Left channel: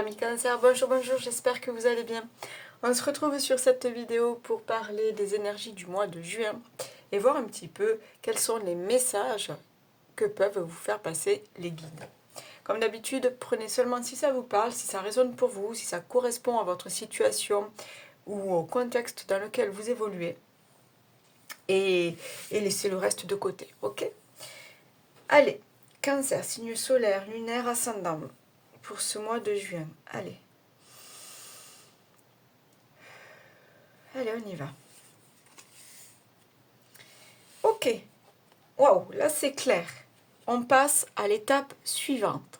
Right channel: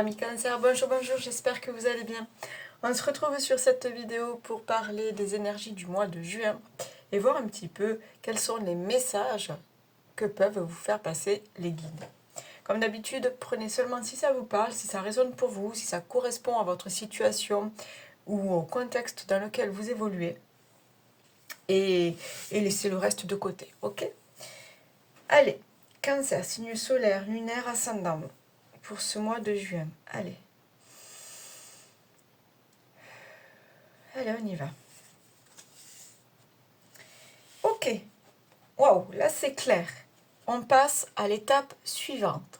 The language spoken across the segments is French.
Amis Cancer, bonjour, bonjour, j'espère que vous allez bien. On se retrouve sur cette vidéo pour parler des énergies du mois de juin et voir un petit peu quels sont les messages que peuvent vous faire passer les guides. Comme d'habitude, prenez seulement si ça vous parle, si ça résonne pour vous, si ça correspond à votre situation ou au contexte dans lequel vous évoluez et laissez le reste de côté, ok? Allez, Cancer, signe solaire, lunaire, ascendant pour ce mois de juin. Allez, on y va. Ok, waouh, là c'est clair. On passe à l'étape suivante.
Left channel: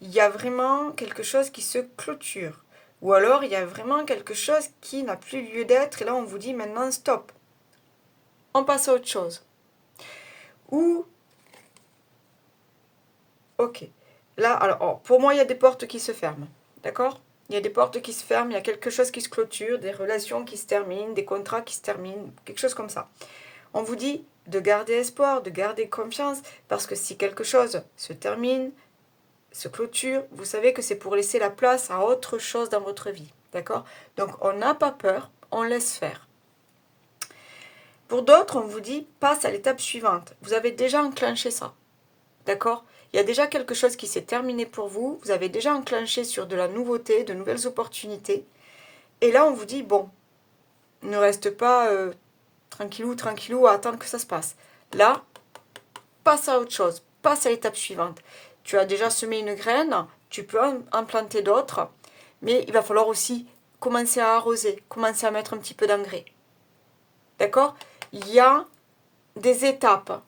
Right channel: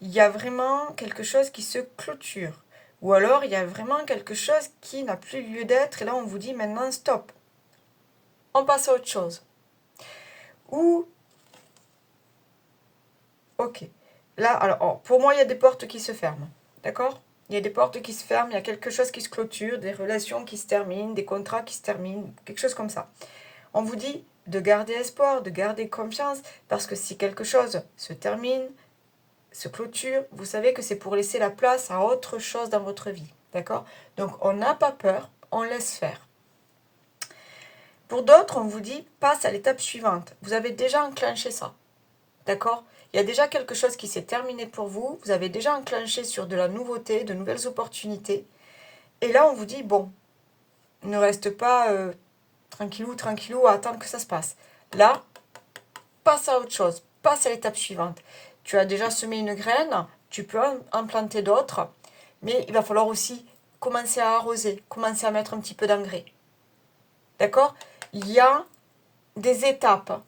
Il y a vraiment quelque chose qui se clôture. Ou alors il y a vraiment quelque chose qui n'a plus lieu d'être et là on vous dit maintenant stop. On passe à autre chose. Ou, ok, là alors pour moi il y a des portes qui se ferment. D'accord ? Il y a des portes qui se ferment, il y a quelque chose qui se clôture, des relations qui se terminent, des contrats qui se terminent, quelque chose comme ça. On vous dit de garder espoir, de garder confiance, parce que si quelque chose se termine, se clôture, vous savez que c'est pour laisser la place à autre chose dans votre vie. D'accord ? Donc on n'a pas peur, on laisse faire. Pour d'autres, on vous dit passe à l'étape suivante. Vous avez déjà enclenché ça. D'accord ? Il y a déjà quelque chose qui s'est terminé pour vous, vous avez déjà enclenché sur de la nouveauté, de nouvelles opportunités. Et là, on vous dit, bon, ne reste pas tranquillou à attendre que ça se passe. Là, passe à autre chose, passe à l'étape suivante. Tu as déjà semé une graine, tu peux en planter d'autres, mais il va falloir aussi commencer à arroser, commencer à mettre un petit peu d'engrais. D'accord ? Il y a des étapes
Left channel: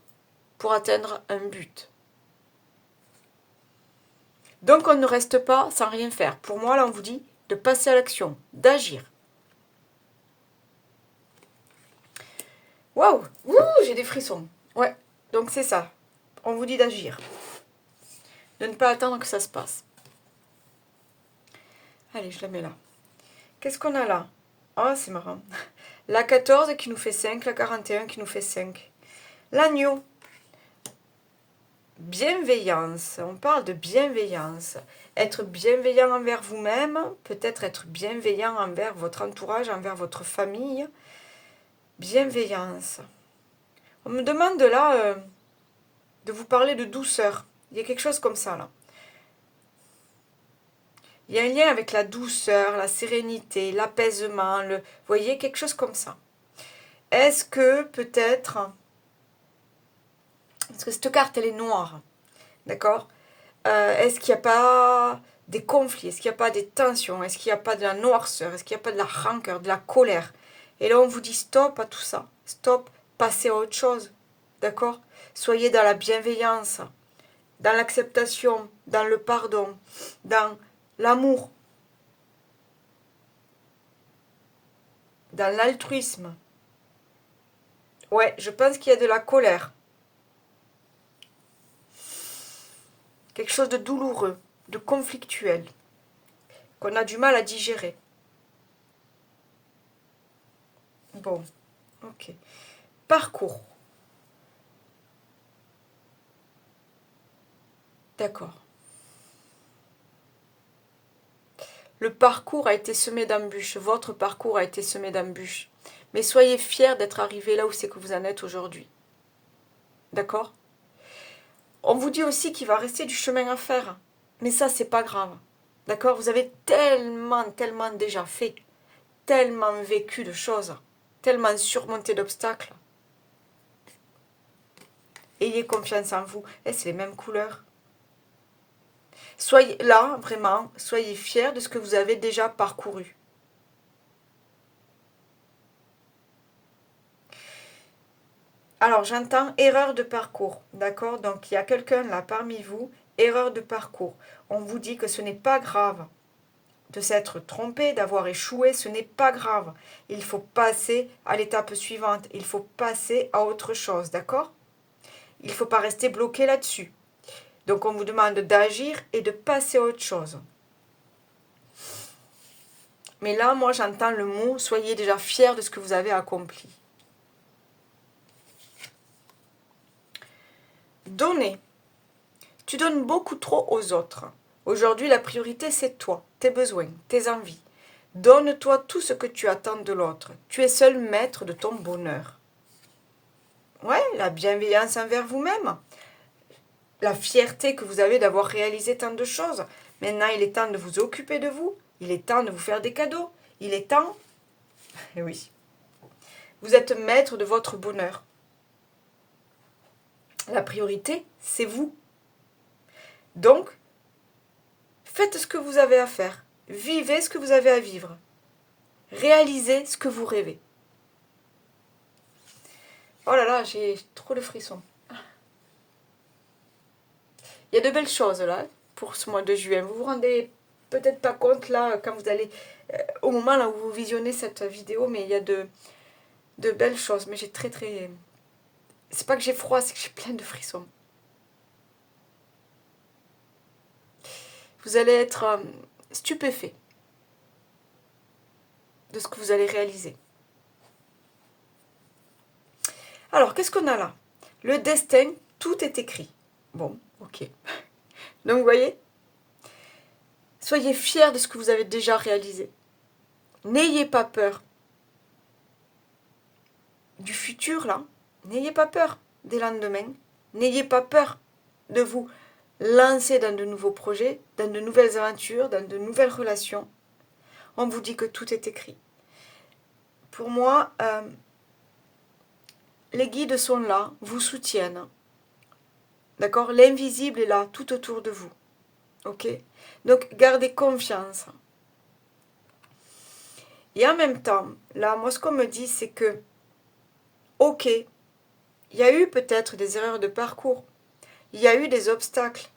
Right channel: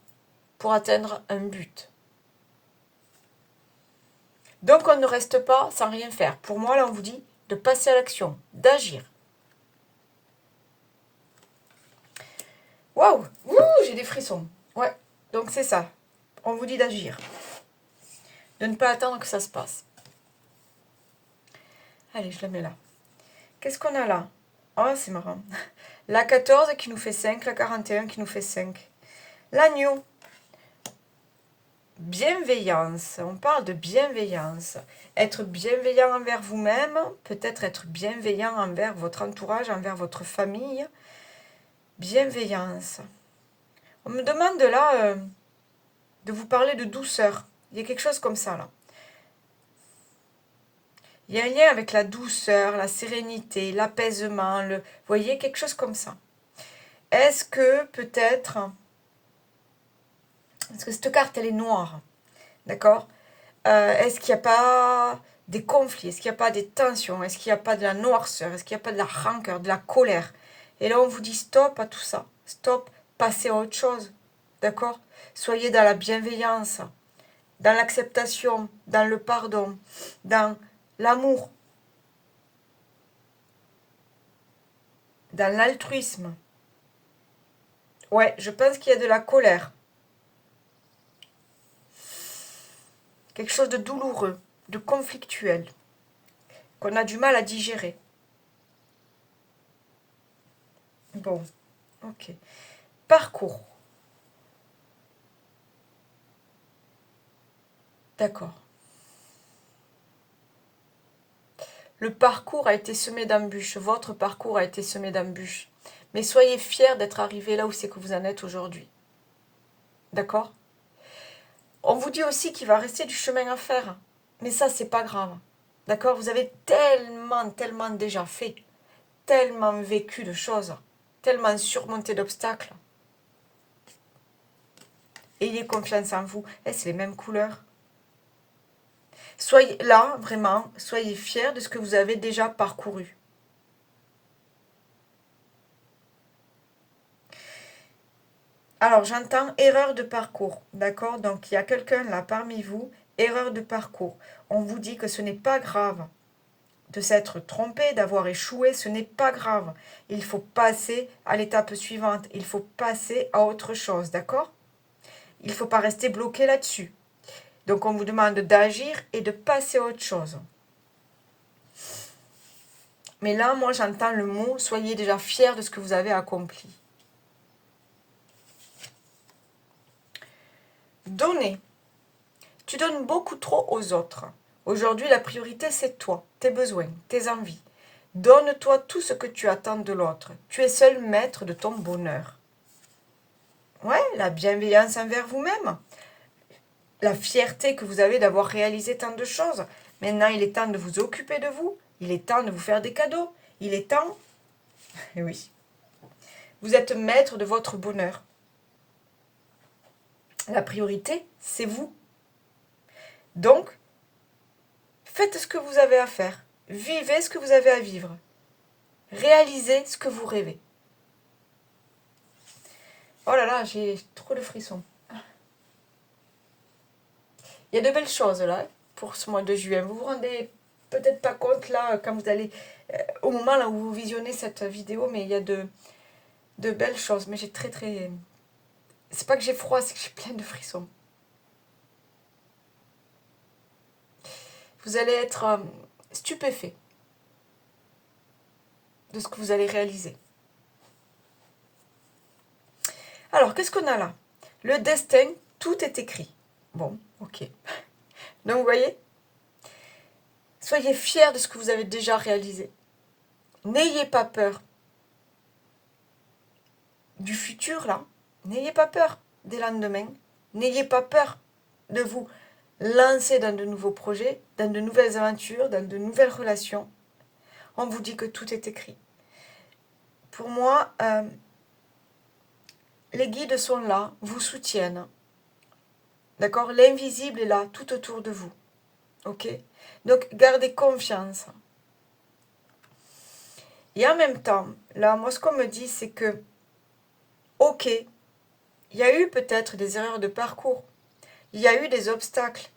pour atteindre un but. Donc on ne reste pas sans rien faire. Pour moi, là, on vous dit de passer à l'action, d'agir. Waouh, j'ai des frissons. Ouais, donc c'est ça. On vous dit d'agir. De ne pas attendre que ça se passe. Allez, je la mets là. Qu'est-ce qu'on a là ? Oh, c'est marrant. La 14 qui nous fait 5, la 41 qui nous fait 5. L'agneau. Bienveillance. On parle de bienveillance. Être bienveillant envers vous-même, peut-être être bienveillant envers votre entourage, envers votre famille. Bienveillance. On me demande là de vous parler de douceur. Il y a quelque chose comme ça là. Il y a un lien avec la douceur, la sérénité, l'apaisement, vous voyez, quelque chose comme ça. Est-ce que peut-être... Parce que cette carte, elle est noire. D'accord ? Est-ce qu'il n'y a pas des conflits ? Est-ce qu'il n'y a pas des tensions ? Est-ce qu'il n'y a pas de la noirceur ? Est-ce qu'il n'y a pas de la rancœur, de la colère ? Et là, on vous dit stop à tout ça. Stop, passez à autre chose. D'accord ? Soyez dans la bienveillance, dans l'acceptation, dans le pardon, dans l'amour, dans l'altruisme. Ouais, je pense qu'il y a de la colère. Quelque chose de douloureux, de conflictuel, qu'on a du mal à digérer. Bon, ok. Parcours. D'accord. Le parcours a été semé d'embûches, votre parcours a été semé d'embûches. Mais soyez fiers d'être arrivé là où c'est que vous en êtes aujourd'hui. D'accord ? On vous dit aussi qu'il va rester du chemin à faire. Mais ça, c'est pas grave. D'accord ? Vous avez tellement déjà fait, tellement vécu de choses, tellement surmonté d'obstacles. Ayez confiance en vous. Et c'est les mêmes couleurs. Soyez là, vraiment, soyez fiers de ce que vous avez déjà parcouru. Alors, j'entends erreur de parcours, d'accord ? Donc, il y a quelqu'un là parmi vous, erreur de parcours. On vous dit que ce n'est pas grave de s'être trompé, d'avoir échoué, ce n'est pas grave. Il faut passer à l'étape suivante, il faut passer à autre chose, d'accord ? Il ne faut pas rester bloqué là-dessus. Donc, on vous demande d'agir et de passer à autre chose. Mais là, moi, j'entends le mot, soyez déjà fiers de ce que vous avez accompli. Donner. Tu donnes beaucoup trop aux autres. Aujourd'hui, la priorité, c'est toi, tes besoins, tes envies. Donne-toi tout ce que tu attends de l'autre. Tu es seul maître de ton bonheur. Ouais, la bienveillance envers vous-même. La fierté que vous avez d'avoir réalisé tant de choses. Maintenant, il est temps de vous occuper de vous. Il est temps de vous faire des cadeaux. Il est temps... Et oui. Vous êtes maître de votre bonheur. La priorité, c'est vous. Donc, faites ce que vous avez à faire. Vivez ce que vous avez à vivre. Réalisez ce que vous rêvez. Oh là là, j'ai trop de frissons. Il y a de belles choses là pour ce mois de juin. Vous vous rendez peut-être pas compte là quand vous allez au moment là où vous visionnez cette vidéo, mais il y a de belles choses. Mais j'ai très... C'est pas que j'ai froid, c'est que j'ai plein de frissons. Vous allez être stupéfait de ce que vous allez réaliser. Alors, qu'est-ce qu'on a là? Le destin, tout est écrit. Bon, ok. Donc, vous voyez, soyez fiers de ce que vous avez déjà réalisé. N'ayez pas peur du futur, là. N'ayez pas peur des lendemains. N'ayez pas peur de vous lancer dans de nouveaux projets, dans de nouvelles aventures, dans de nouvelles relations. On vous dit que tout est écrit. Pour moi, les guides sont là, vous soutiennent. D'accord? L'invisible est là, tout autour de vous. Ok? Donc, gardez confiance. Et en même temps, là, moi, ce qu'on me dit, c'est que, ok, il y a eu peut-être des erreurs de parcours. Il y a eu des obstacles.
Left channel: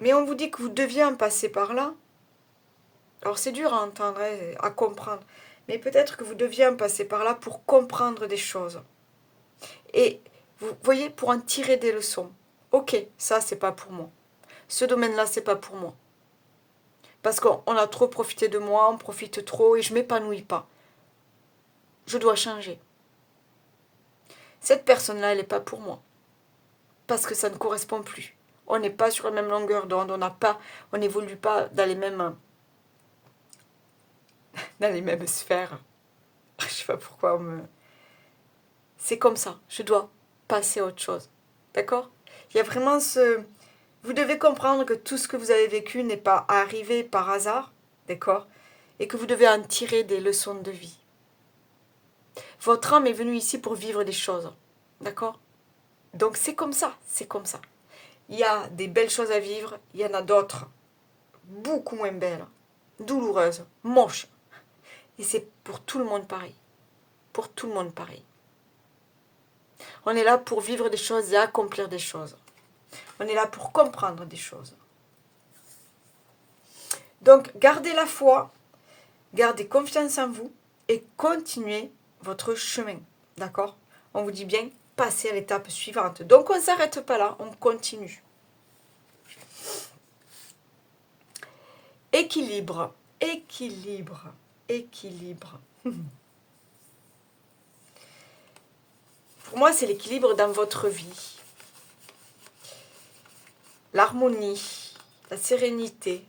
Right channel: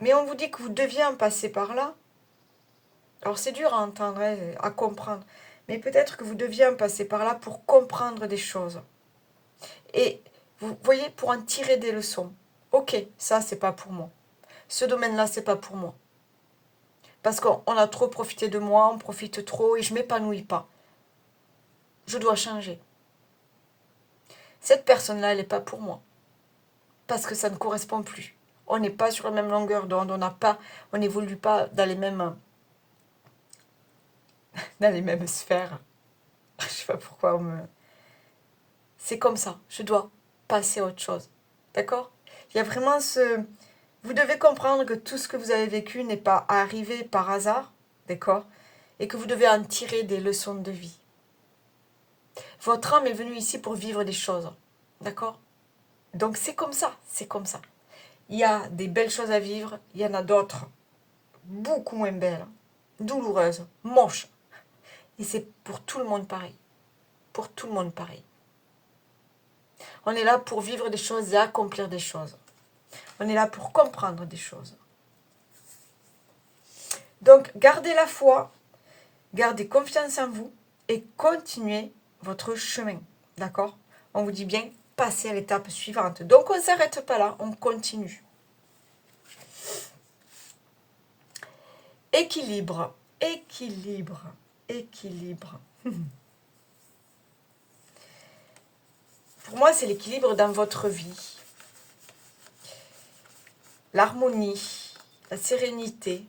Mais on vous dit que vous deviez en passer par là. Alors, c'est dur à entendre, à comprendre. Mais peut-être que vous deviez en passer par là pour comprendre des choses. Et vous voyez, pour en tirer des leçons. Ok, ça, c'est pas pour moi. Ce domaine-là, c'est pas pour moi. Parce qu'on a trop profité de moi, on profite trop et je m'épanouis pas. Je dois changer. Cette personne-là, elle n'est pas pour moi. Parce que ça ne correspond plus. On n'est pas sur la même longueur d'onde, on n'évolue pas dans les mêmes sphères. Je sais pas pourquoi c'est comme ça. Je dois passer à autre chose. D'accord? Il y a vraiment ce... Vous devez comprendre que tout ce que vous avez vécu n'est pas arrivé par hasard. D'accord? Et que vous devez en tirer des leçons de vie. Votre âme est venue ici pour vivre des choses. D'accord? Donc c'est comme ça, c'est comme ça. Il y a des belles choses à vivre, il y en a d'autres beaucoup moins belles, douloureuses, moches. Et c'est pour tout le monde pareil. Pour tout le monde pareil. On est là pour vivre des choses et accomplir des choses. On est là pour comprendre des choses. Donc gardez la foi, gardez confiance en vous et continuez votre chemin. D'accord? On vous dit bien, passez à l'étape suivante. Donc on ne s'arrête pas là, on continue. Équilibre, équilibre, équilibre. Pour moi, c'est l'équilibre dans votre vie. L'harmonie, la sérénité,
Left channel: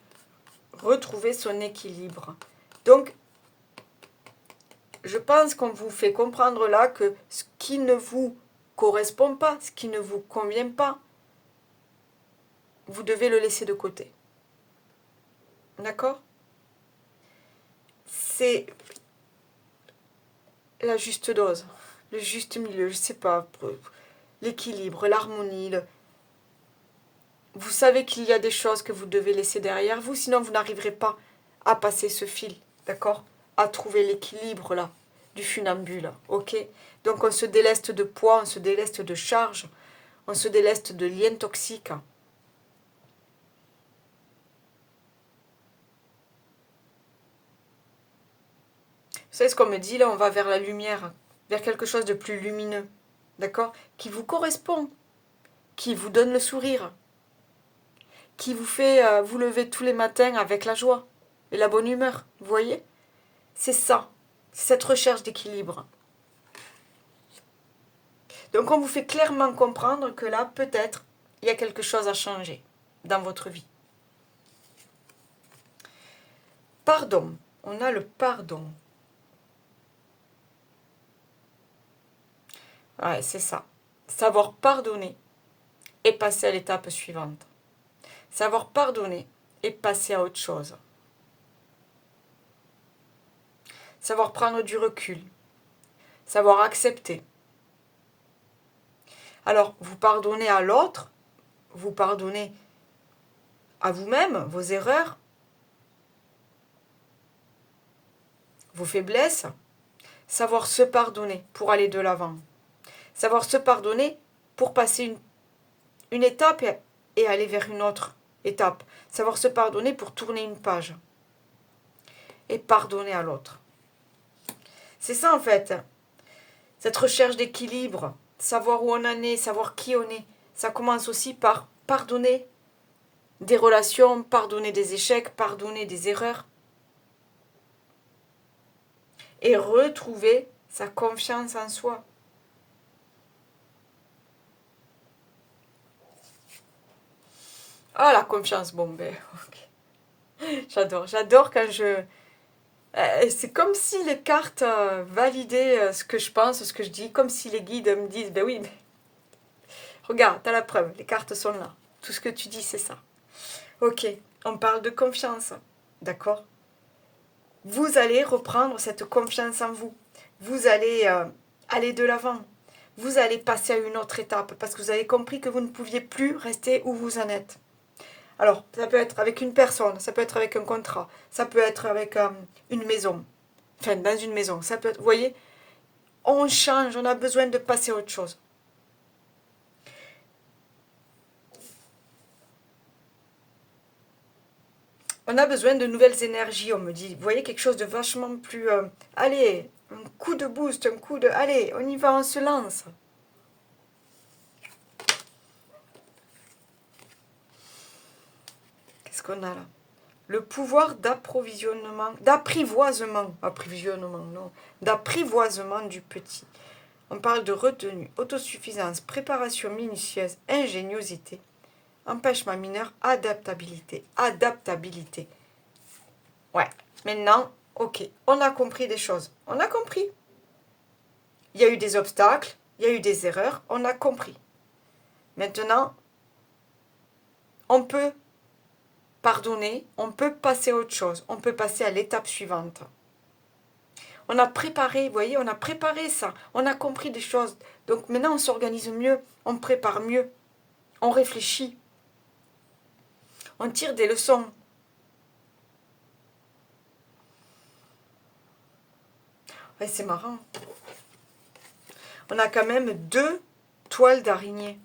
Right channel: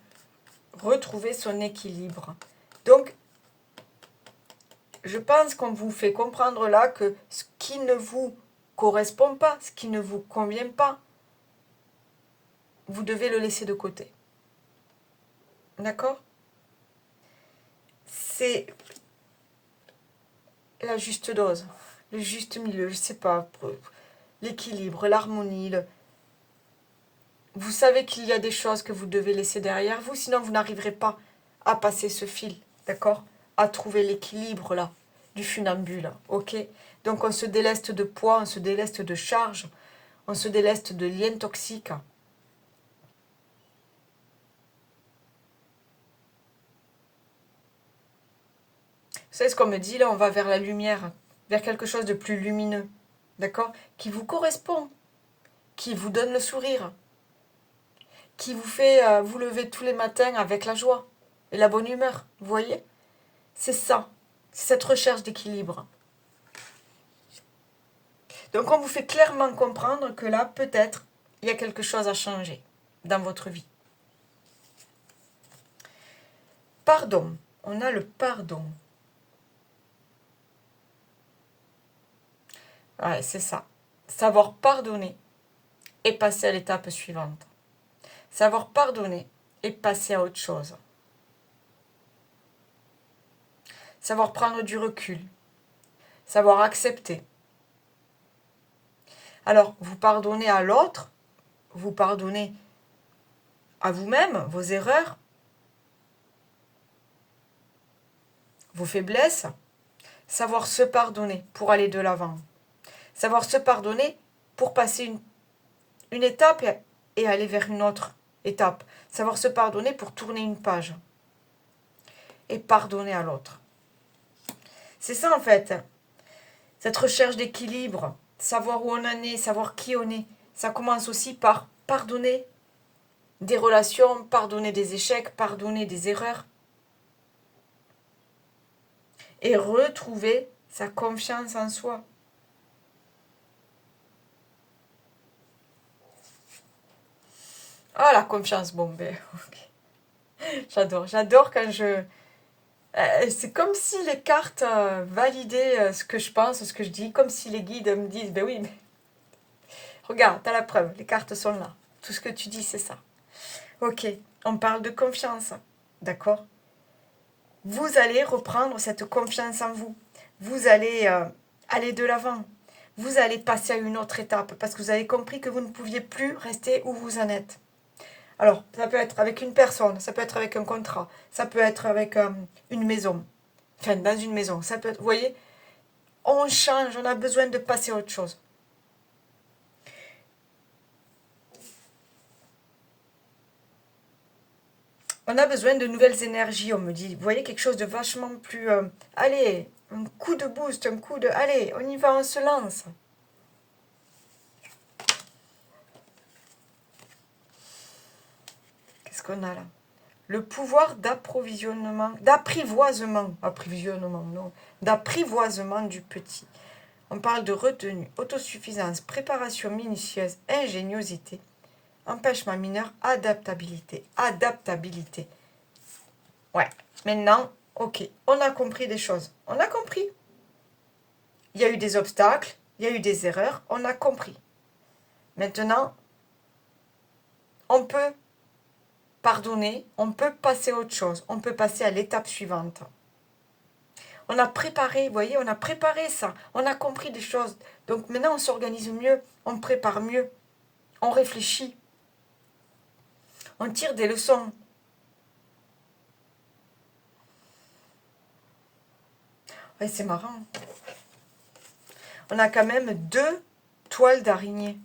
retrouver son équilibre. Donc, je pense qu'on vous fait comprendre là que ce qui ne vous correspond pas, ce qui ne vous convient pas, vous devez le laisser de côté. D'accord? C'est la juste dose, le juste milieu, je sais pas, l'équilibre, l'harmonie. Vous savez qu'il y a des choses que vous devez laisser derrière vous, sinon vous n'arriverez pas à passer ce fil, d'accord? À trouver l'équilibre là, du funambule, ok? Donc on se déleste de poids, on se déleste de charges, on se déleste de liens toxiques. Vous savez ce qu'on me dit là? On va vers la lumière, vers quelque chose de plus lumineux, d'accord? Qui vous correspond, qui vous donne le sourire, qui vous fait vous lever tous les matins avec la joie et la bonne humeur, vous voyez? C'est ça, c'est cette recherche d'équilibre. Donc on vous fait clairement comprendre que là, peut-être, il y a quelque chose à changer dans votre vie. Pardon. On a le pardon. Ouais, c'est ça. Savoir pardonner et passer à l'étape suivante. Savoir pardonner et passer à autre chose. Savoir prendre du recul. Savoir accepter. Alors, vous pardonnez à l'autre, vous pardonnez à vous-même, vos erreurs, vos faiblesses. Savoir se pardonner pour aller de l'avant. Savoir se pardonner pour passer une étape et aller vers une autre étape. Savoir se pardonner pour tourner une page. Et pardonner à l'autre. C'est ça en fait. Cette recherche d'équilibre, savoir où on en est, savoir qui on est. Ça commence aussi par pardonner des relations, pardonner des échecs, pardonner des erreurs. Et retrouver sa confiance en soi. Ah, la confiance, bon, ben, ok. J'adore quand je... c'est comme si les cartes validaient ce que je pense, ce que je dis, comme si les guides me disent, ben oui, mais regarde, t'as la preuve, les cartes sont là. Tout ce que tu dis, c'est ça. Ok, on parle de confiance, d'accord? Vous allez reprendre cette confiance en vous. Vous allez aller de l'avant. Vous allez passer à une autre étape parce que vous avez compris que vous ne pouviez plus rester où vous en êtes. Alors, ça peut être avec une personne, ça peut être avec un contrat, ça peut être avec une maison. Enfin, dans une maison. Ça peut être, vous voyez, on change, on a besoin de passer à autre chose. On a besoin de nouvelles énergies, on me dit. Vous voyez, quelque chose de vachement plus... allez, un coup de boost, un coup de... Allez, on y va, on se lance. Qu'est-ce qu'on a là? Le pouvoir d'approvisionnement, approvisionnement, non, d'apprivoisement du petit. On parle de retenue, autosuffisance, préparation minutieuse, ingéniosité, empêchement mineur, adaptabilité. Adaptabilité. Ouais, maintenant, ok, on a compris des choses. On a compris. Il y a eu des obstacles, il y a eu des erreurs, on a compris. Maintenant, on peut pardonner, on peut passer à autre chose, on peut passer à l'étape suivante. On a préparé, vous voyez, on a préparé ça, on a compris des choses. Donc maintenant, on s'organise mieux, on prépare mieux, on réfléchit, on tire des leçons. Ouais, c'est marrant. On a quand même 2 toiles d'araignée.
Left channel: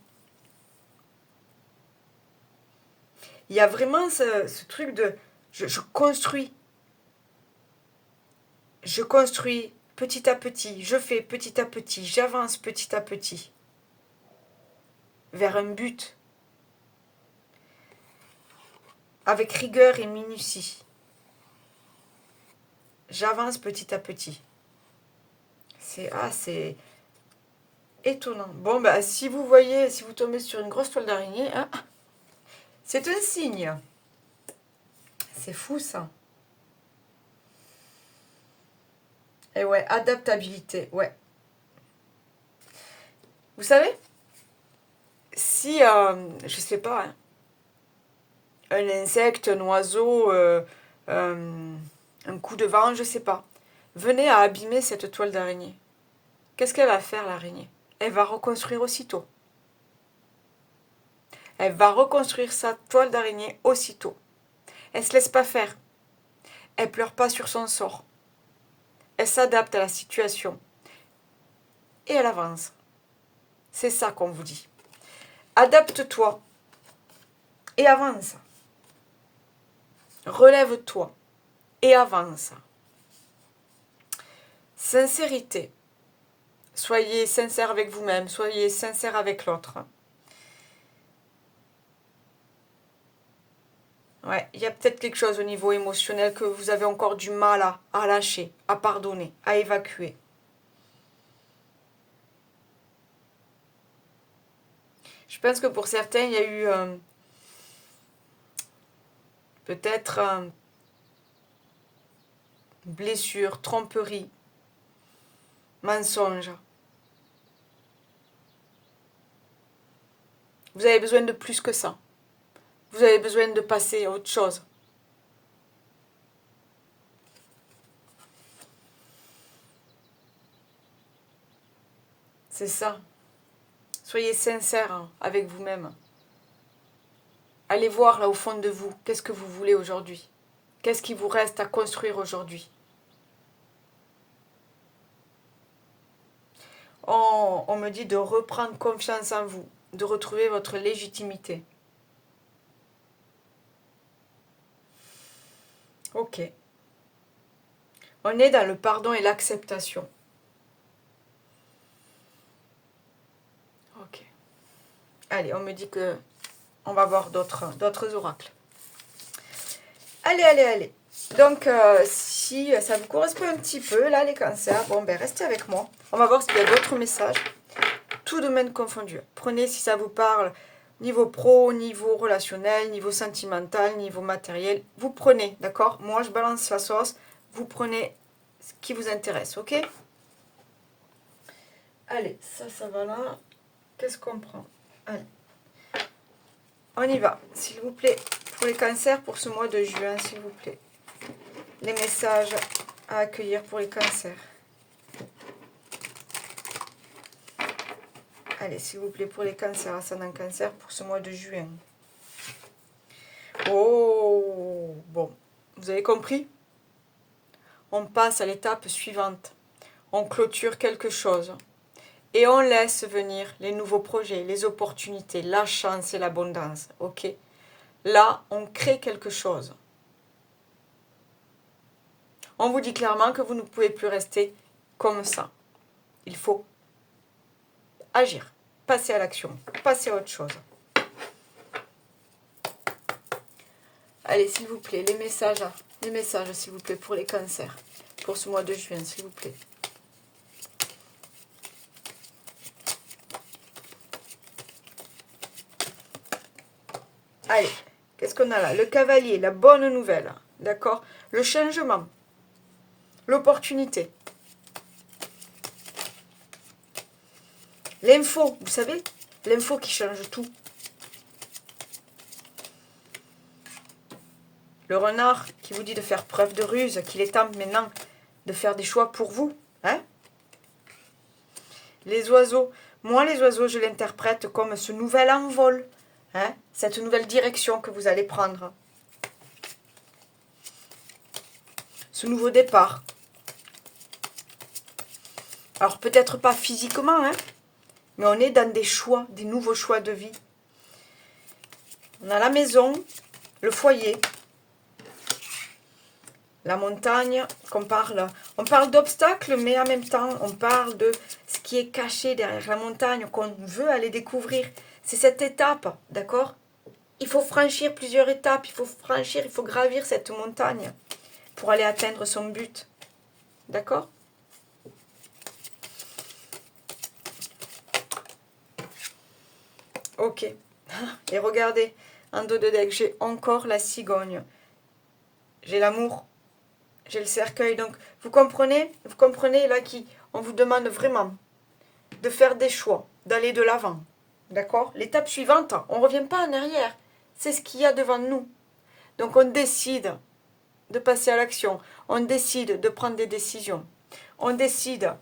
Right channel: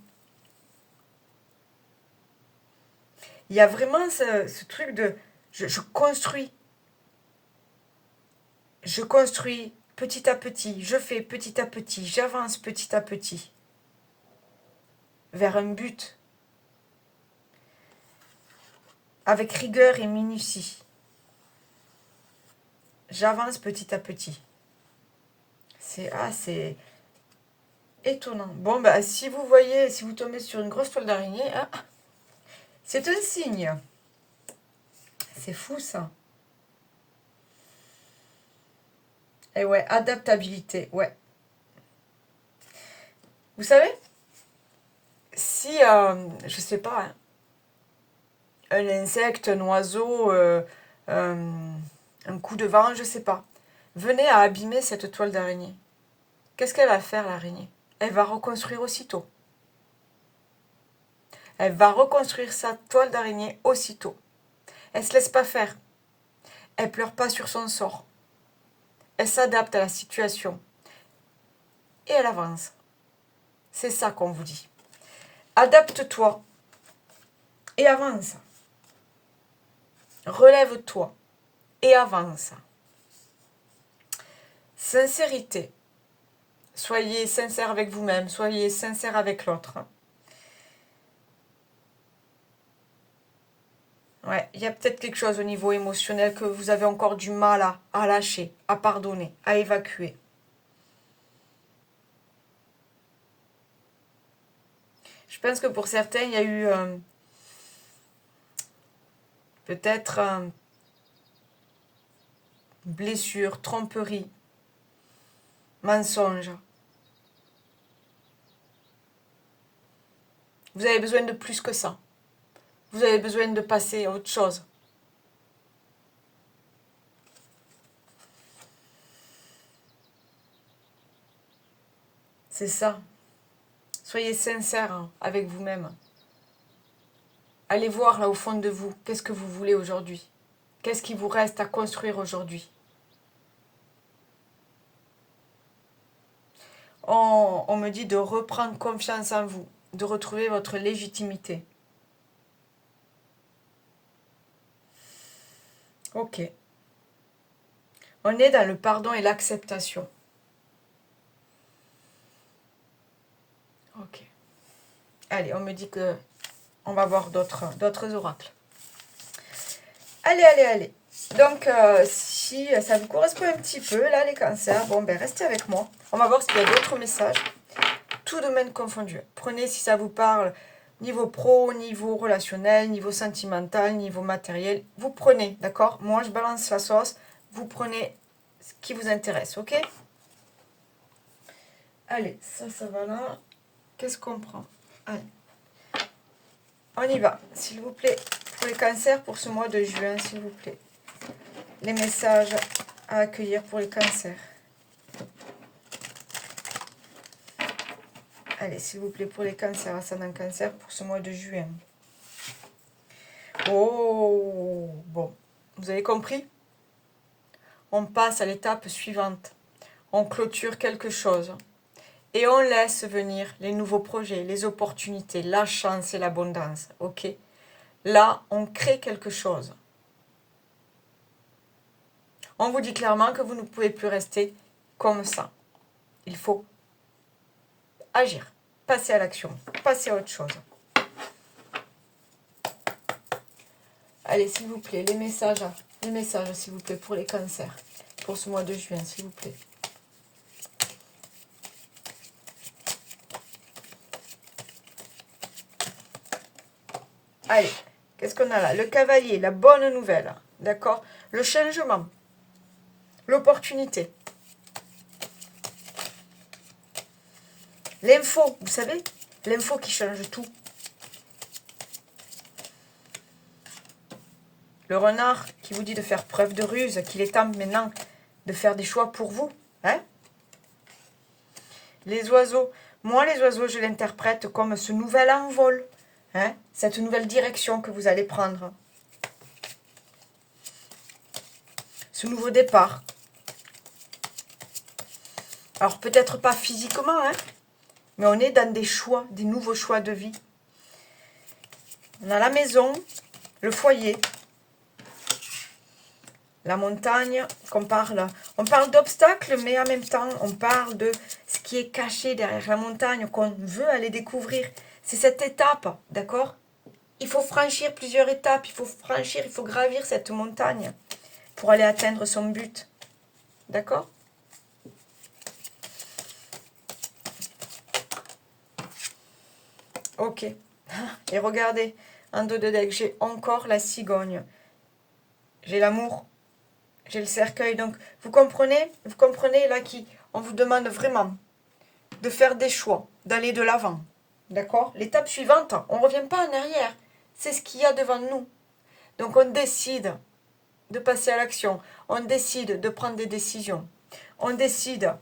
Il y a vraiment ce truc de je construis. Je construis petit à petit, je fais petit à petit, j'avance petit à petit vers un but avec rigueur et minutie. J'avance petit à petit. C'est étonnant. Bon, bah, si vous voyez, si vous tombez sur une grosse toile d'araignée, hein, c'est un signe. C'est fou ça. Et ouais, adaptabilité, ouais. Vous savez, si, je sais pas, hein, un insecte, un oiseau, un coup de vent, je sais pas, venait à abîmer cette toile d'araignée, qu'est-ce qu'elle va faire l'araignée? Elle va reconstruire aussitôt. Elle va reconstruire sa toile d'araignée aussitôt. Elle ne se laisse pas faire. Elle pleure pas sur son sort. Elle s'adapte à la situation. Et elle avance. C'est ça qu'on vous dit. Adapte-toi. Et avance. Relève-toi. Et avance. Sincérité. Soyez sincère avec vous-même. Soyez sincère avec l'autre. Ouais, il y a peut-être quelque chose au niveau émotionnel que vous avez encore du mal à lâcher, à pardonner, à évacuer. Je pense que pour certains, il y a eu peut-être blessure, tromperie, mensonge. Vous avez besoin de plus que ça. Vous avez besoin de passer à autre chose. C'est ça. Soyez sincère avec vous-même. Allez voir là au fond de vous, qu'est-ce que vous voulez aujourd'hui? Qu'est-ce qui vous reste à construire aujourd'hui? On me dit de reprendre confiance en vous, de retrouver votre légitimité. Ok. On est dans le pardon et l'acceptation. Ok. Allez, on me dit que on va voir d'autres oracles. Allez, allez, allez. Donc, si ça vous correspond un petit peu, là, les cancers, bon, ben, restez avec moi. On va voir s'il y a d'autres messages. Tout domaine confondu. Prenez si ça vous parle, niveau pro, niveau relationnel, niveau sentimental, niveau matériel. Vous prenez, d'accord? Moi, je balance la sauce. Vous prenez ce qui vous intéresse, ok? Allez, ça va là. Qu'est-ce qu'on prend? Allez. On y va, s'il vous plaît. Pour les cancers, pour ce mois de juin, s'il vous plaît. Les messages à accueillir pour les cancers. Allez, s'il vous plaît, pour les cancers, ascendant cancer, pour ce mois de juin. Oh, bon. Vous avez compris? On passe à l'étape suivante. On clôture quelque chose. Et on laisse venir les nouveaux projets, les opportunités, la chance et l'abondance. Ok? Là, on crée quelque chose. On vous dit clairement que vous ne pouvez plus rester comme ça. Il faut agir, passer à l'action, passer à autre chose. Allez, s'il vous plaît, les messages, s'il vous plaît, pour les cancers, pour ce mois de juin, s'il vous plaît. Allez, qu'est-ce qu'on a là? Le cavalier, la bonne nouvelle, d'accord? Le changement, l'opportunité. L'info, vous savez, l'info qui change tout. Le renard qui vous dit de faire preuve de ruse, qu'il est temps maintenant de faire des choix pour vous. Hein? Les oiseaux, moi les oiseaux, je l'interprète comme ce nouvel envol, hein? Cette nouvelle direction que vous allez prendre. Ce nouveau départ. Alors peut-être pas physiquement, hein? Mais on est dans des choix, des nouveaux choix de vie. On a la maison, le foyer, la montagne, on parle d'obstacles, mais en même temps, on parle de ce qui est caché derrière la montagne, qu'on veut aller découvrir. C'est cette étape, d'accord? Il faut franchir plusieurs étapes, il faut gravir cette montagne pour aller atteindre son but. D'accord? Ok. Et regardez, en dos de deck, j'ai encore la cigogne. J'ai l'amour. J'ai le cercueil. Donc, vous comprenez là on vous demande vraiment de faire des choix, d'aller de l'avant. D'accord? L'étape suivante, on ne revient pas en arrière. C'est ce qu'il y a devant nous. Donc, on décide de passer à l'action. On décide de prendre des décisions. On décide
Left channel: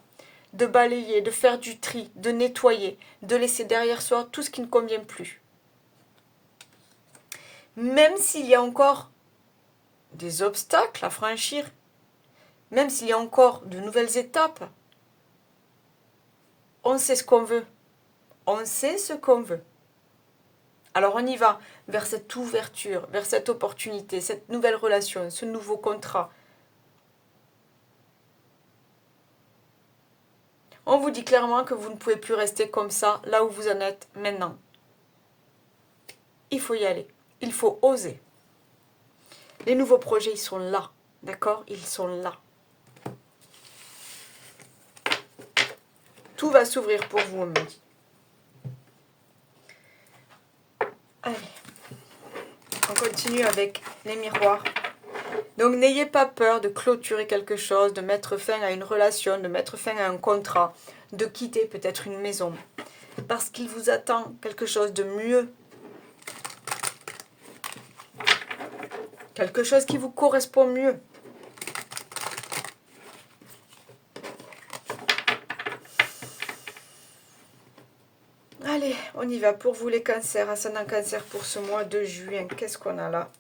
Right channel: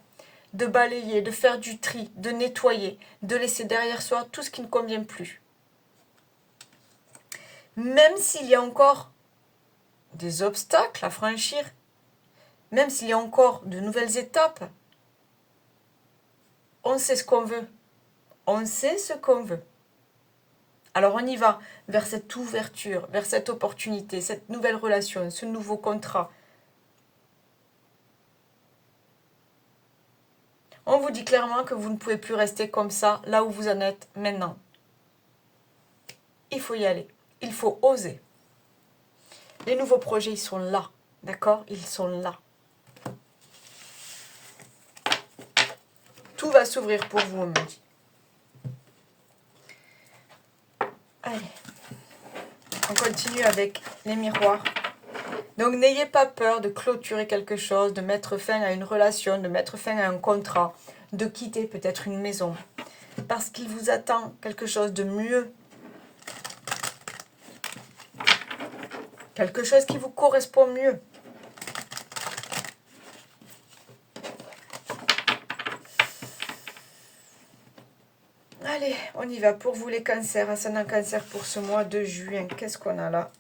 de balayer, de faire du tri, de nettoyer, de laisser derrière soi tout ce qui ne convient plus. Même s'il y a encore des obstacles à franchir, même s'il y a encore de nouvelles étapes, on sait ce qu'on veut. On sait ce qu'on veut. Alors on y va vers cette ouverture, vers cette opportunité, cette nouvelle relation, ce nouveau contrat. On vous dit clairement que vous ne pouvez plus rester comme ça, là où vous en êtes maintenant. Il faut y aller. Il faut oser. Les nouveaux projets, ils sont là. D'accord? Ils sont là. Tout va s'ouvrir pour vous, on me dit. continue avec les miroirs. Donc, n'ayez pas peur de clôturer quelque chose, de mettre fin à une relation, de mettre fin à un contrat, de quitter peut-être une maison. Parce qu'il vous attend quelque chose de mieux. Quelque chose qui vous correspond mieux. Allez, on y va. Pour vous les cancers, ascendant cancer pour ce mois de juin. Qu'est-ce qu'on a là?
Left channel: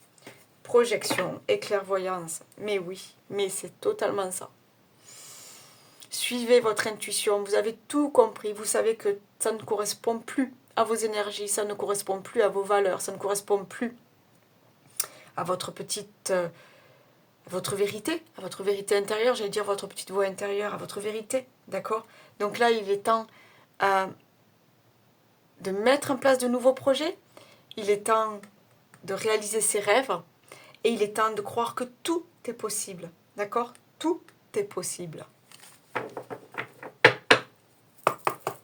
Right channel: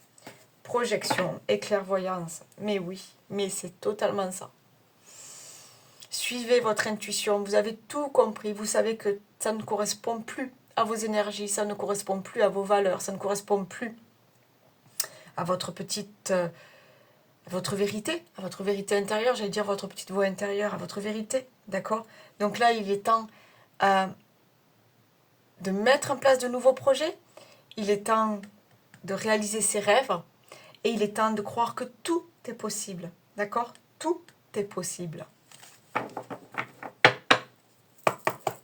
Projection et clairvoyance. Mais oui, mais c'est totalement ça. Suivez votre intuition. Vous avez tout compris. Vous savez que ça ne correspond plus à vos énergies. Ça ne correspond plus à vos valeurs. Ça ne correspond plus à votre petite... à votre vérité intérieure. J'allais dire votre petite voix intérieure, à votre vérité. D'accord? Donc là, il est temps... de mettre en place de nouveaux projets, il est temps de réaliser ses rêves et il est temps de croire que tout est possible. D'accord? Tout est possible.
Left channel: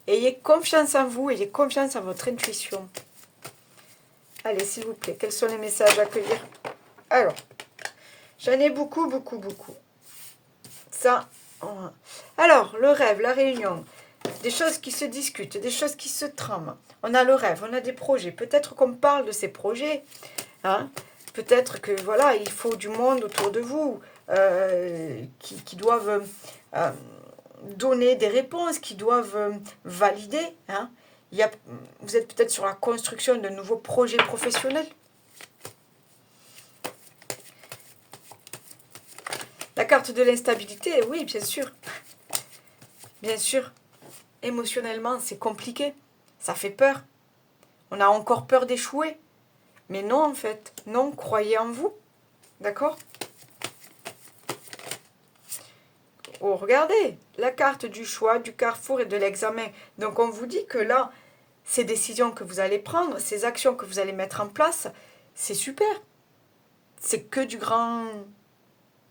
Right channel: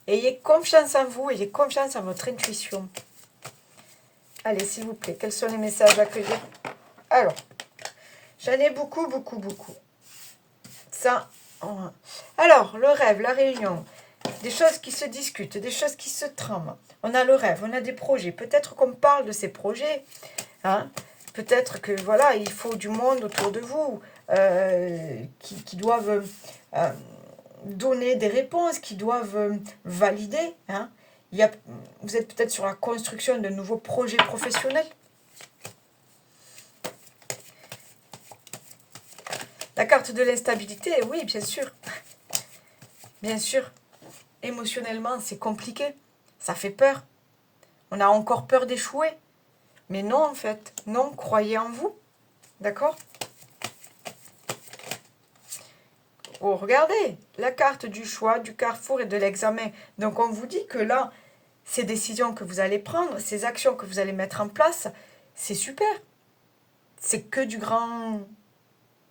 Ayez confiance en vous, ayez confiance en votre intuition. Allez, s'il vous plaît, quels sont les messages à accueillir? Alors, j'en ai beaucoup. Ça. Alors, le rêve, la réunion. Des choses qui se discutent, des choses qui se trament. On a le rêve, on a des projets. Peut-être qu'on parle de ces projets. Hein. Peut-être que voilà, il faut du monde autour de vous qui doivent donner des réponses, qui doivent valider. Hein. Vous êtes peut-être sur la construction de nouveaux projets professionnels. La carte de l'instabilité, oui, bien sûr. Bien sûr. Émotionnellement, c'est compliqué. Ça fait peur. On a encore peur d'échouer. Mais non, en fait. Non, croyez en vous. D'accord? Oh, regardez. La carte du choix, du carrefour et de l'examen. Donc, on vous dit que là, ces décisions que vous allez prendre, ces actions que vous allez mettre en place, c'est super. C'est que du grand...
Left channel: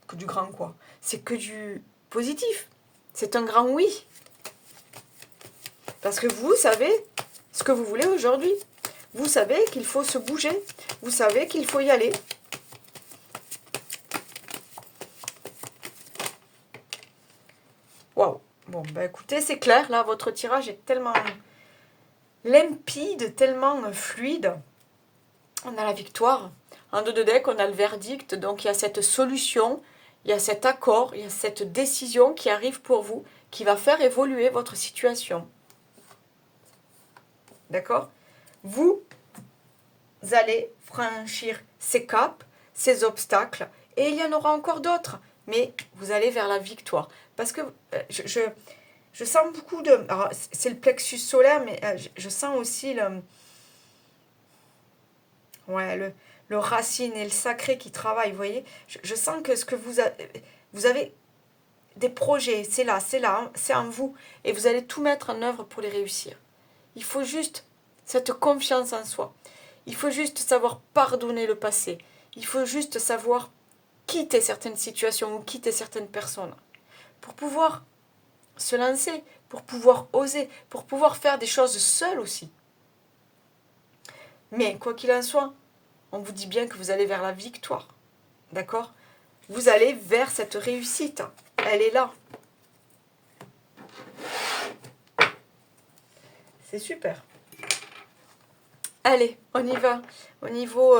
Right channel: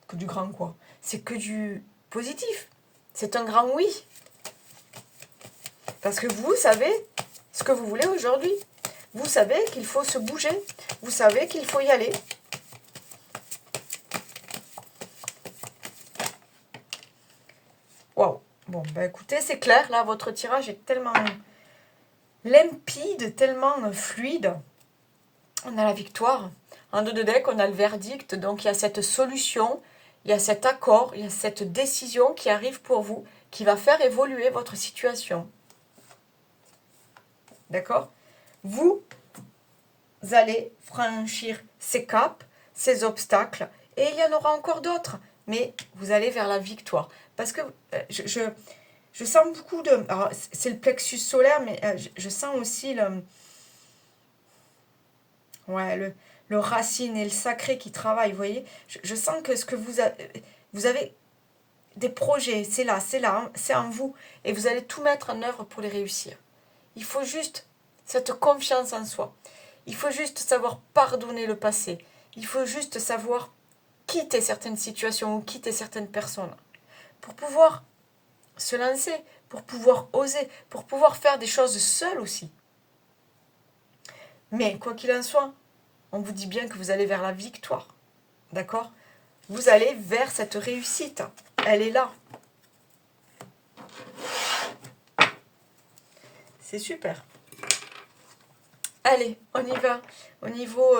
Que du grand quoi? C'est que du positif. C'est un grand oui. Parce que vous savez ce que vous voulez aujourd'hui. Vous savez qu'il faut se bouger. Vous savez qu'il faut y aller. Waouh. Bon, ben écoutez, c'est clair. Là, votre tirage est tellement limpide, tellement fluide. On a la victoire. En deux de deck, on a le verdict. Donc, il y a cette solution, il y a cet accord, il y a cette décision qui arrive pour vous, qui va faire évoluer votre situation. D'accord? Vous allez franchir ces caps, ces obstacles, et il y en aura encore d'autres. Mais vous allez vers la victoire. Parce que je sens beaucoup de... Alors, c'est le plexus solaire, mais je sens aussi le racine et le sacré qui travaillent, vous voyez. Je sens que ce que vous avez des projets, c'est là, hein, c'est en vous. Et vous allez tout mettre en œuvre pour les réussir. Il faut juste cette confiance en soi. Il faut juste savoir pardonner le passé. Il faut juste savoir quitter certaines situations ou quitter certaines personnes pour pouvoir se lancer, pour pouvoir oser, pour pouvoir faire des choses seul aussi. Mais quoi qu'il en soit, on vous dit bien que vous allez vers la victoire. D'accord? Vous allez vers cette réussite. Elle est là. C'est super. Allez, on y va. Au niveau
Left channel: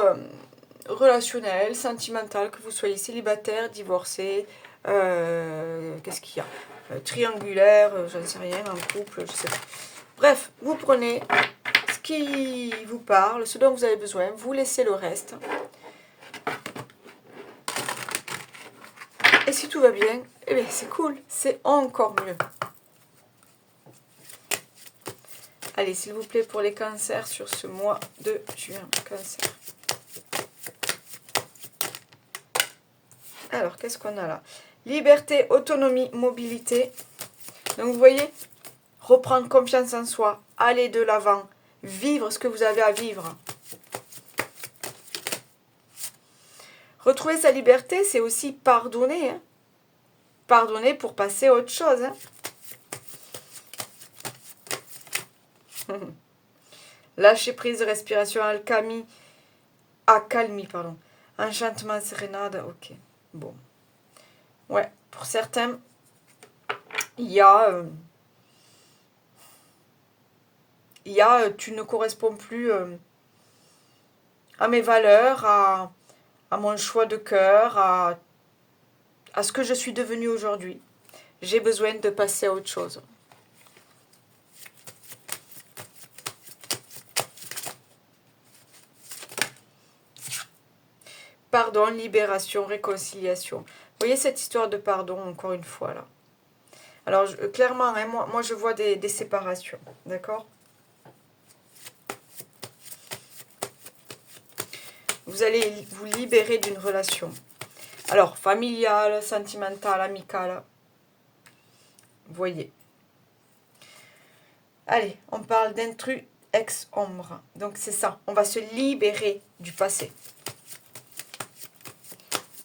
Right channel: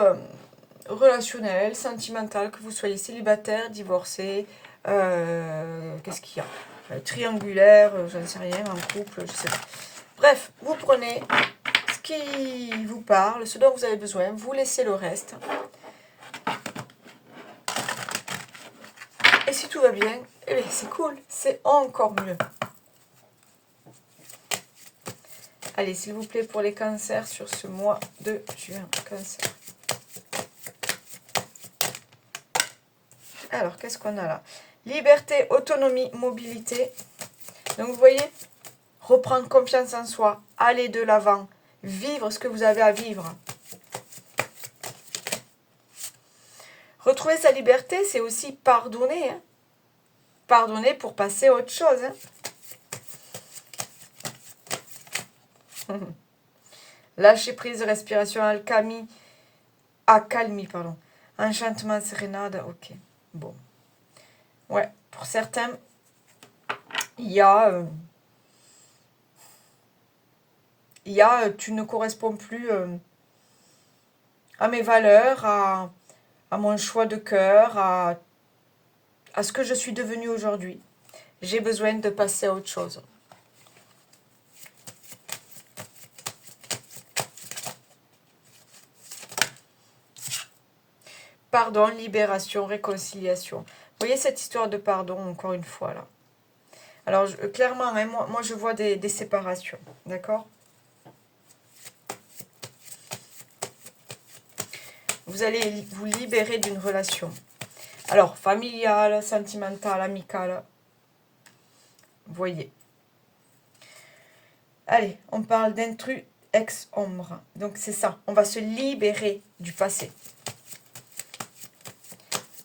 relationnel, sentimental, que vous soyez célibataire, divorcé, qu'est-ce qu'il y a triangulaire, j'en sais rien, en couple, je sais pas. Bref, vous prenez ce qui vous parle, ce dont vous avez besoin, vous laissez le reste. Et si tout va bien, eh bien c'est cool, c'est encore mieux. Allez, s'il vous plaît, pour les cancers sur ce mois de juin, cancer. Alors, qu'est-ce qu'on a là? Liberté, autonomie, mobilité. Donc, vous voyez, reprendre confiance en soi, aller de l'avant, vivre ce que vous avez à vivre. Retrouver sa liberté, c'est aussi pardonner. Hein. Pardonner pour passer à autre chose. Hein. Lâcher prise, respiration, alchimie, Accalmie, pardon. Enchantement, sérénade, ok. Bon. Ouais, pour certains, il y a... tu ne corresponds plus à mes valeurs, à mon choix de cœur, à ce que je suis devenue aujourd'hui. J'ai besoin de passer à autre chose. Pardon, libération, réconciliation. Vous voyez cette histoire de pardon, encore une fois, là. Alors, clairement, hein, moi, je vois des séparations, d'accord? Vous allez vous libérer d'une relation. Alors, familiale, sentimentale, amicale. Voyez. Allez, on parle d'intrus ex-ombre. Donc, c'est ça. On va se libérer du passé.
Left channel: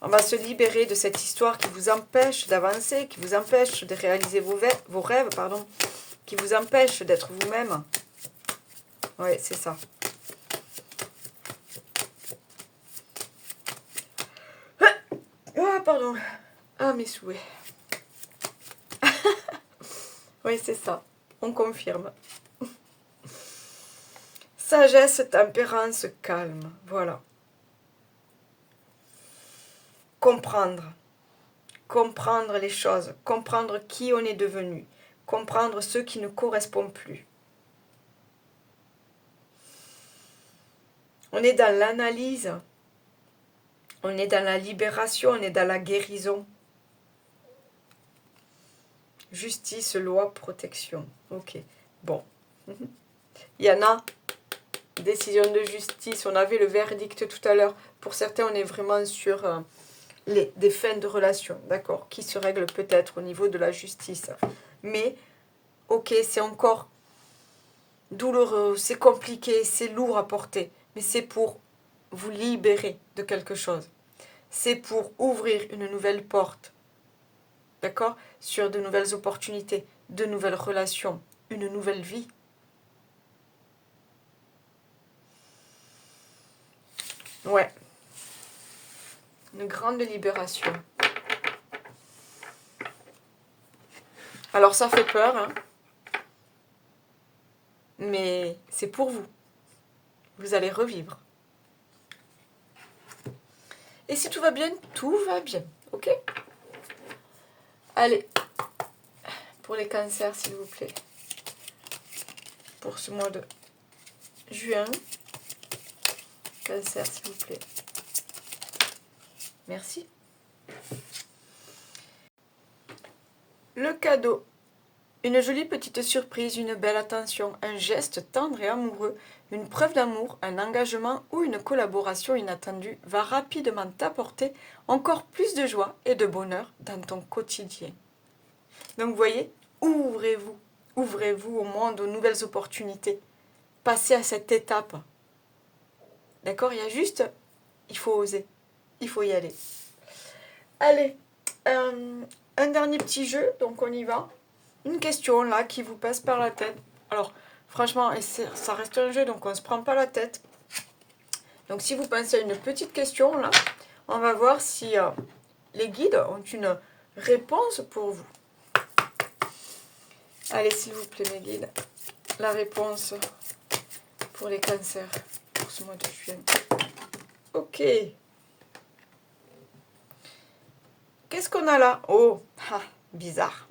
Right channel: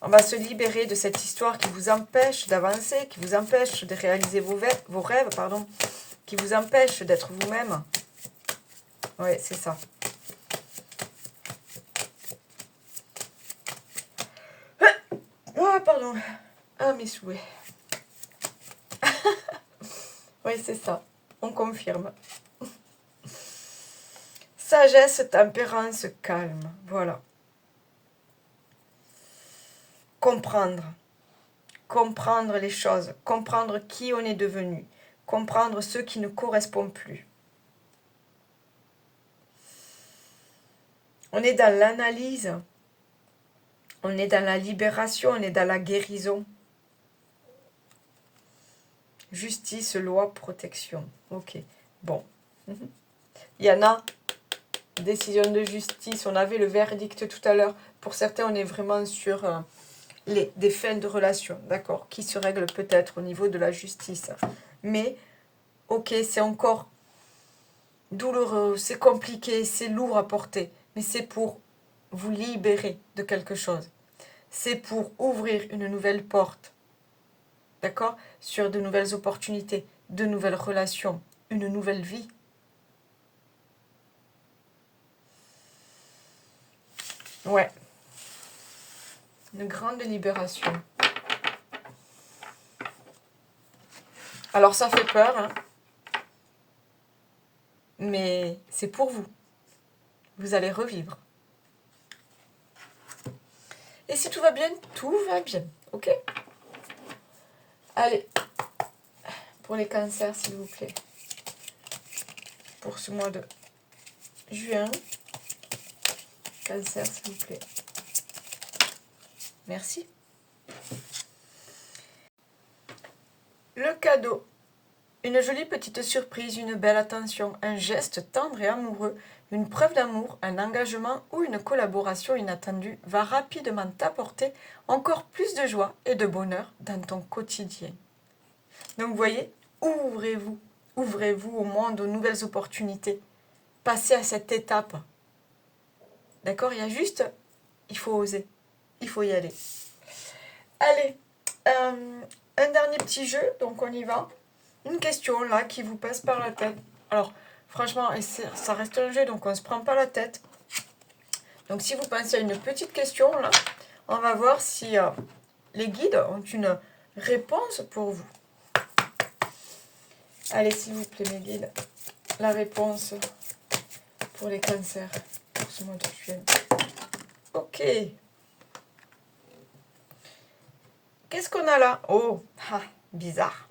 On va se libérer de cette histoire qui vous empêche d'avancer, qui vous empêche de réaliser vos rêves, pardon, qui vous empêche d'être vous-même. Oui, c'est ça. Ah, pardon. Ah, mes souhaits. Oui, c'est ça. On confirme. Sagesse, tempérance, calme. Voilà. Comprendre. Comprendre les choses. Comprendre qui on est devenu. Comprendre ceux qui ne correspondent plus. On est dans l'analyse. On est dans la libération. On est dans la guérison. Justice, loi, protection. Ok. Bon. Il y en a. Décision de justice. On avait le verdict tout à l'heure. Pour certains, on est vraiment sur des fins de relation. D'accord. Qui se règlent peut-être au niveau de la justice. Mais, ok, c'est encore douloureux. C'est compliqué. C'est lourd à porter. Mais c'est pour vous libérer de quelque chose. C'est pour ouvrir une nouvelle porte. D'accord? Sur de nouvelles opportunités, de nouvelles relations, une nouvelle vie. Ouais. Une grande libération. Alors ça fait peur, hein, mais c'est pour vous. Vous allez revivre. Et si tout va bien, tout va bien. Ok? Allez. Pour les cancers, s'il vous plaît. Pour ce mois de juin. Cancer, s'il vous plaît. Merci. Le cadeau. Une jolie petite surprise, une belle attention, un geste tendre et amoureux, une preuve d'amour, un engagement ou une collaboration inattendue va rapidement t'apporter encore plus de joie et de bonheur dans ton quotidien. Donc vous voyez, ouvrez-vous. Ouvrez-vous au monde, aux nouvelles opportunités. Passez à cette étape. D'accord? Il faut oser. Il faut y aller. Allez, un dernier petit jeu, donc on y va. Une question là qui vous passe par la tête. Alors, franchement, ça reste un jeu, donc on ne se prend pas la tête. Donc si vous pensez à une petite question là, on va voir si les guides ont une réponse pour vous. Allez, s'il vous plaît, mes guides, la réponse pour les cancers pour ce mois de juin. Ok. Qu'est-ce qu'on a là? Oh, bizarre.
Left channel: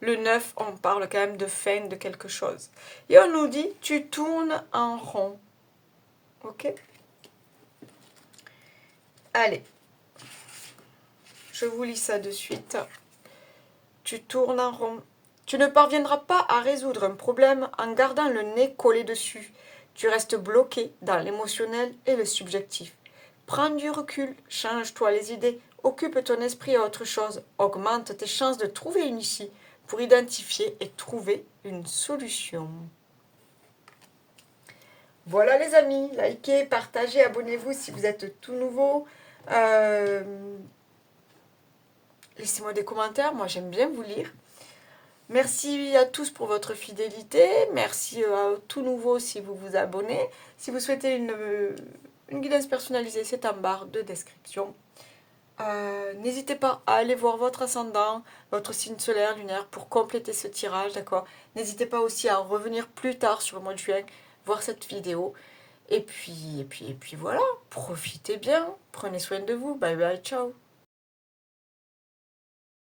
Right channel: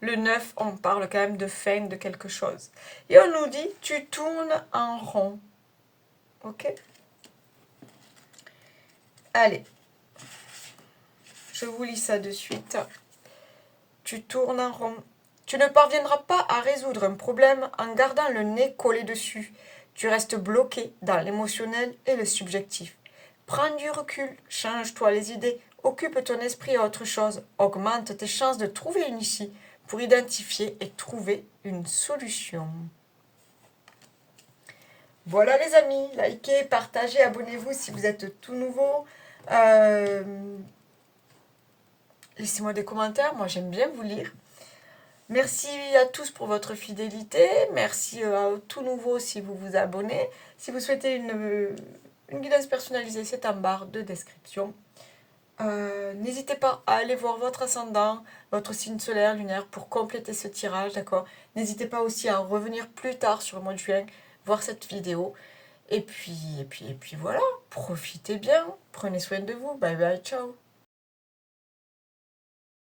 Le 9, on parle quand même de fin de quelque chose. Et on nous dit, tu tournes en rond. Ok? Allez. Je vous lis ça de suite. Tu tournes en rond. Tu ne parviendras pas à résoudre un problème en gardant le nez collé dessus. Tu restes bloqué dans l'émotionnel et le subjectif. Prends du recul, change-toi les idées, occupe ton esprit à autre chose, augmente tes chances de trouver une issue pour identifier et trouver une solution. Voilà les amis, likez, partagez, abonnez-vous si vous êtes tout nouveau. Laissez-moi des commentaires, moi j'aime bien vous lire. Merci à tous pour votre fidélité. Merci à tout nouveau si vous vous abonnez. Si vous souhaitez Une guidance personnalisée, c'est en barre de description. N'hésitez pas à aller voir votre ascendant, votre signe solaire, lunaire pour compléter ce tirage, d'accord? N'hésitez pas aussi à revenir plus tard sur le mois de juin, voir cette vidéo. Et puis voilà, profitez bien, prenez soin de vous, bye bye, ciao.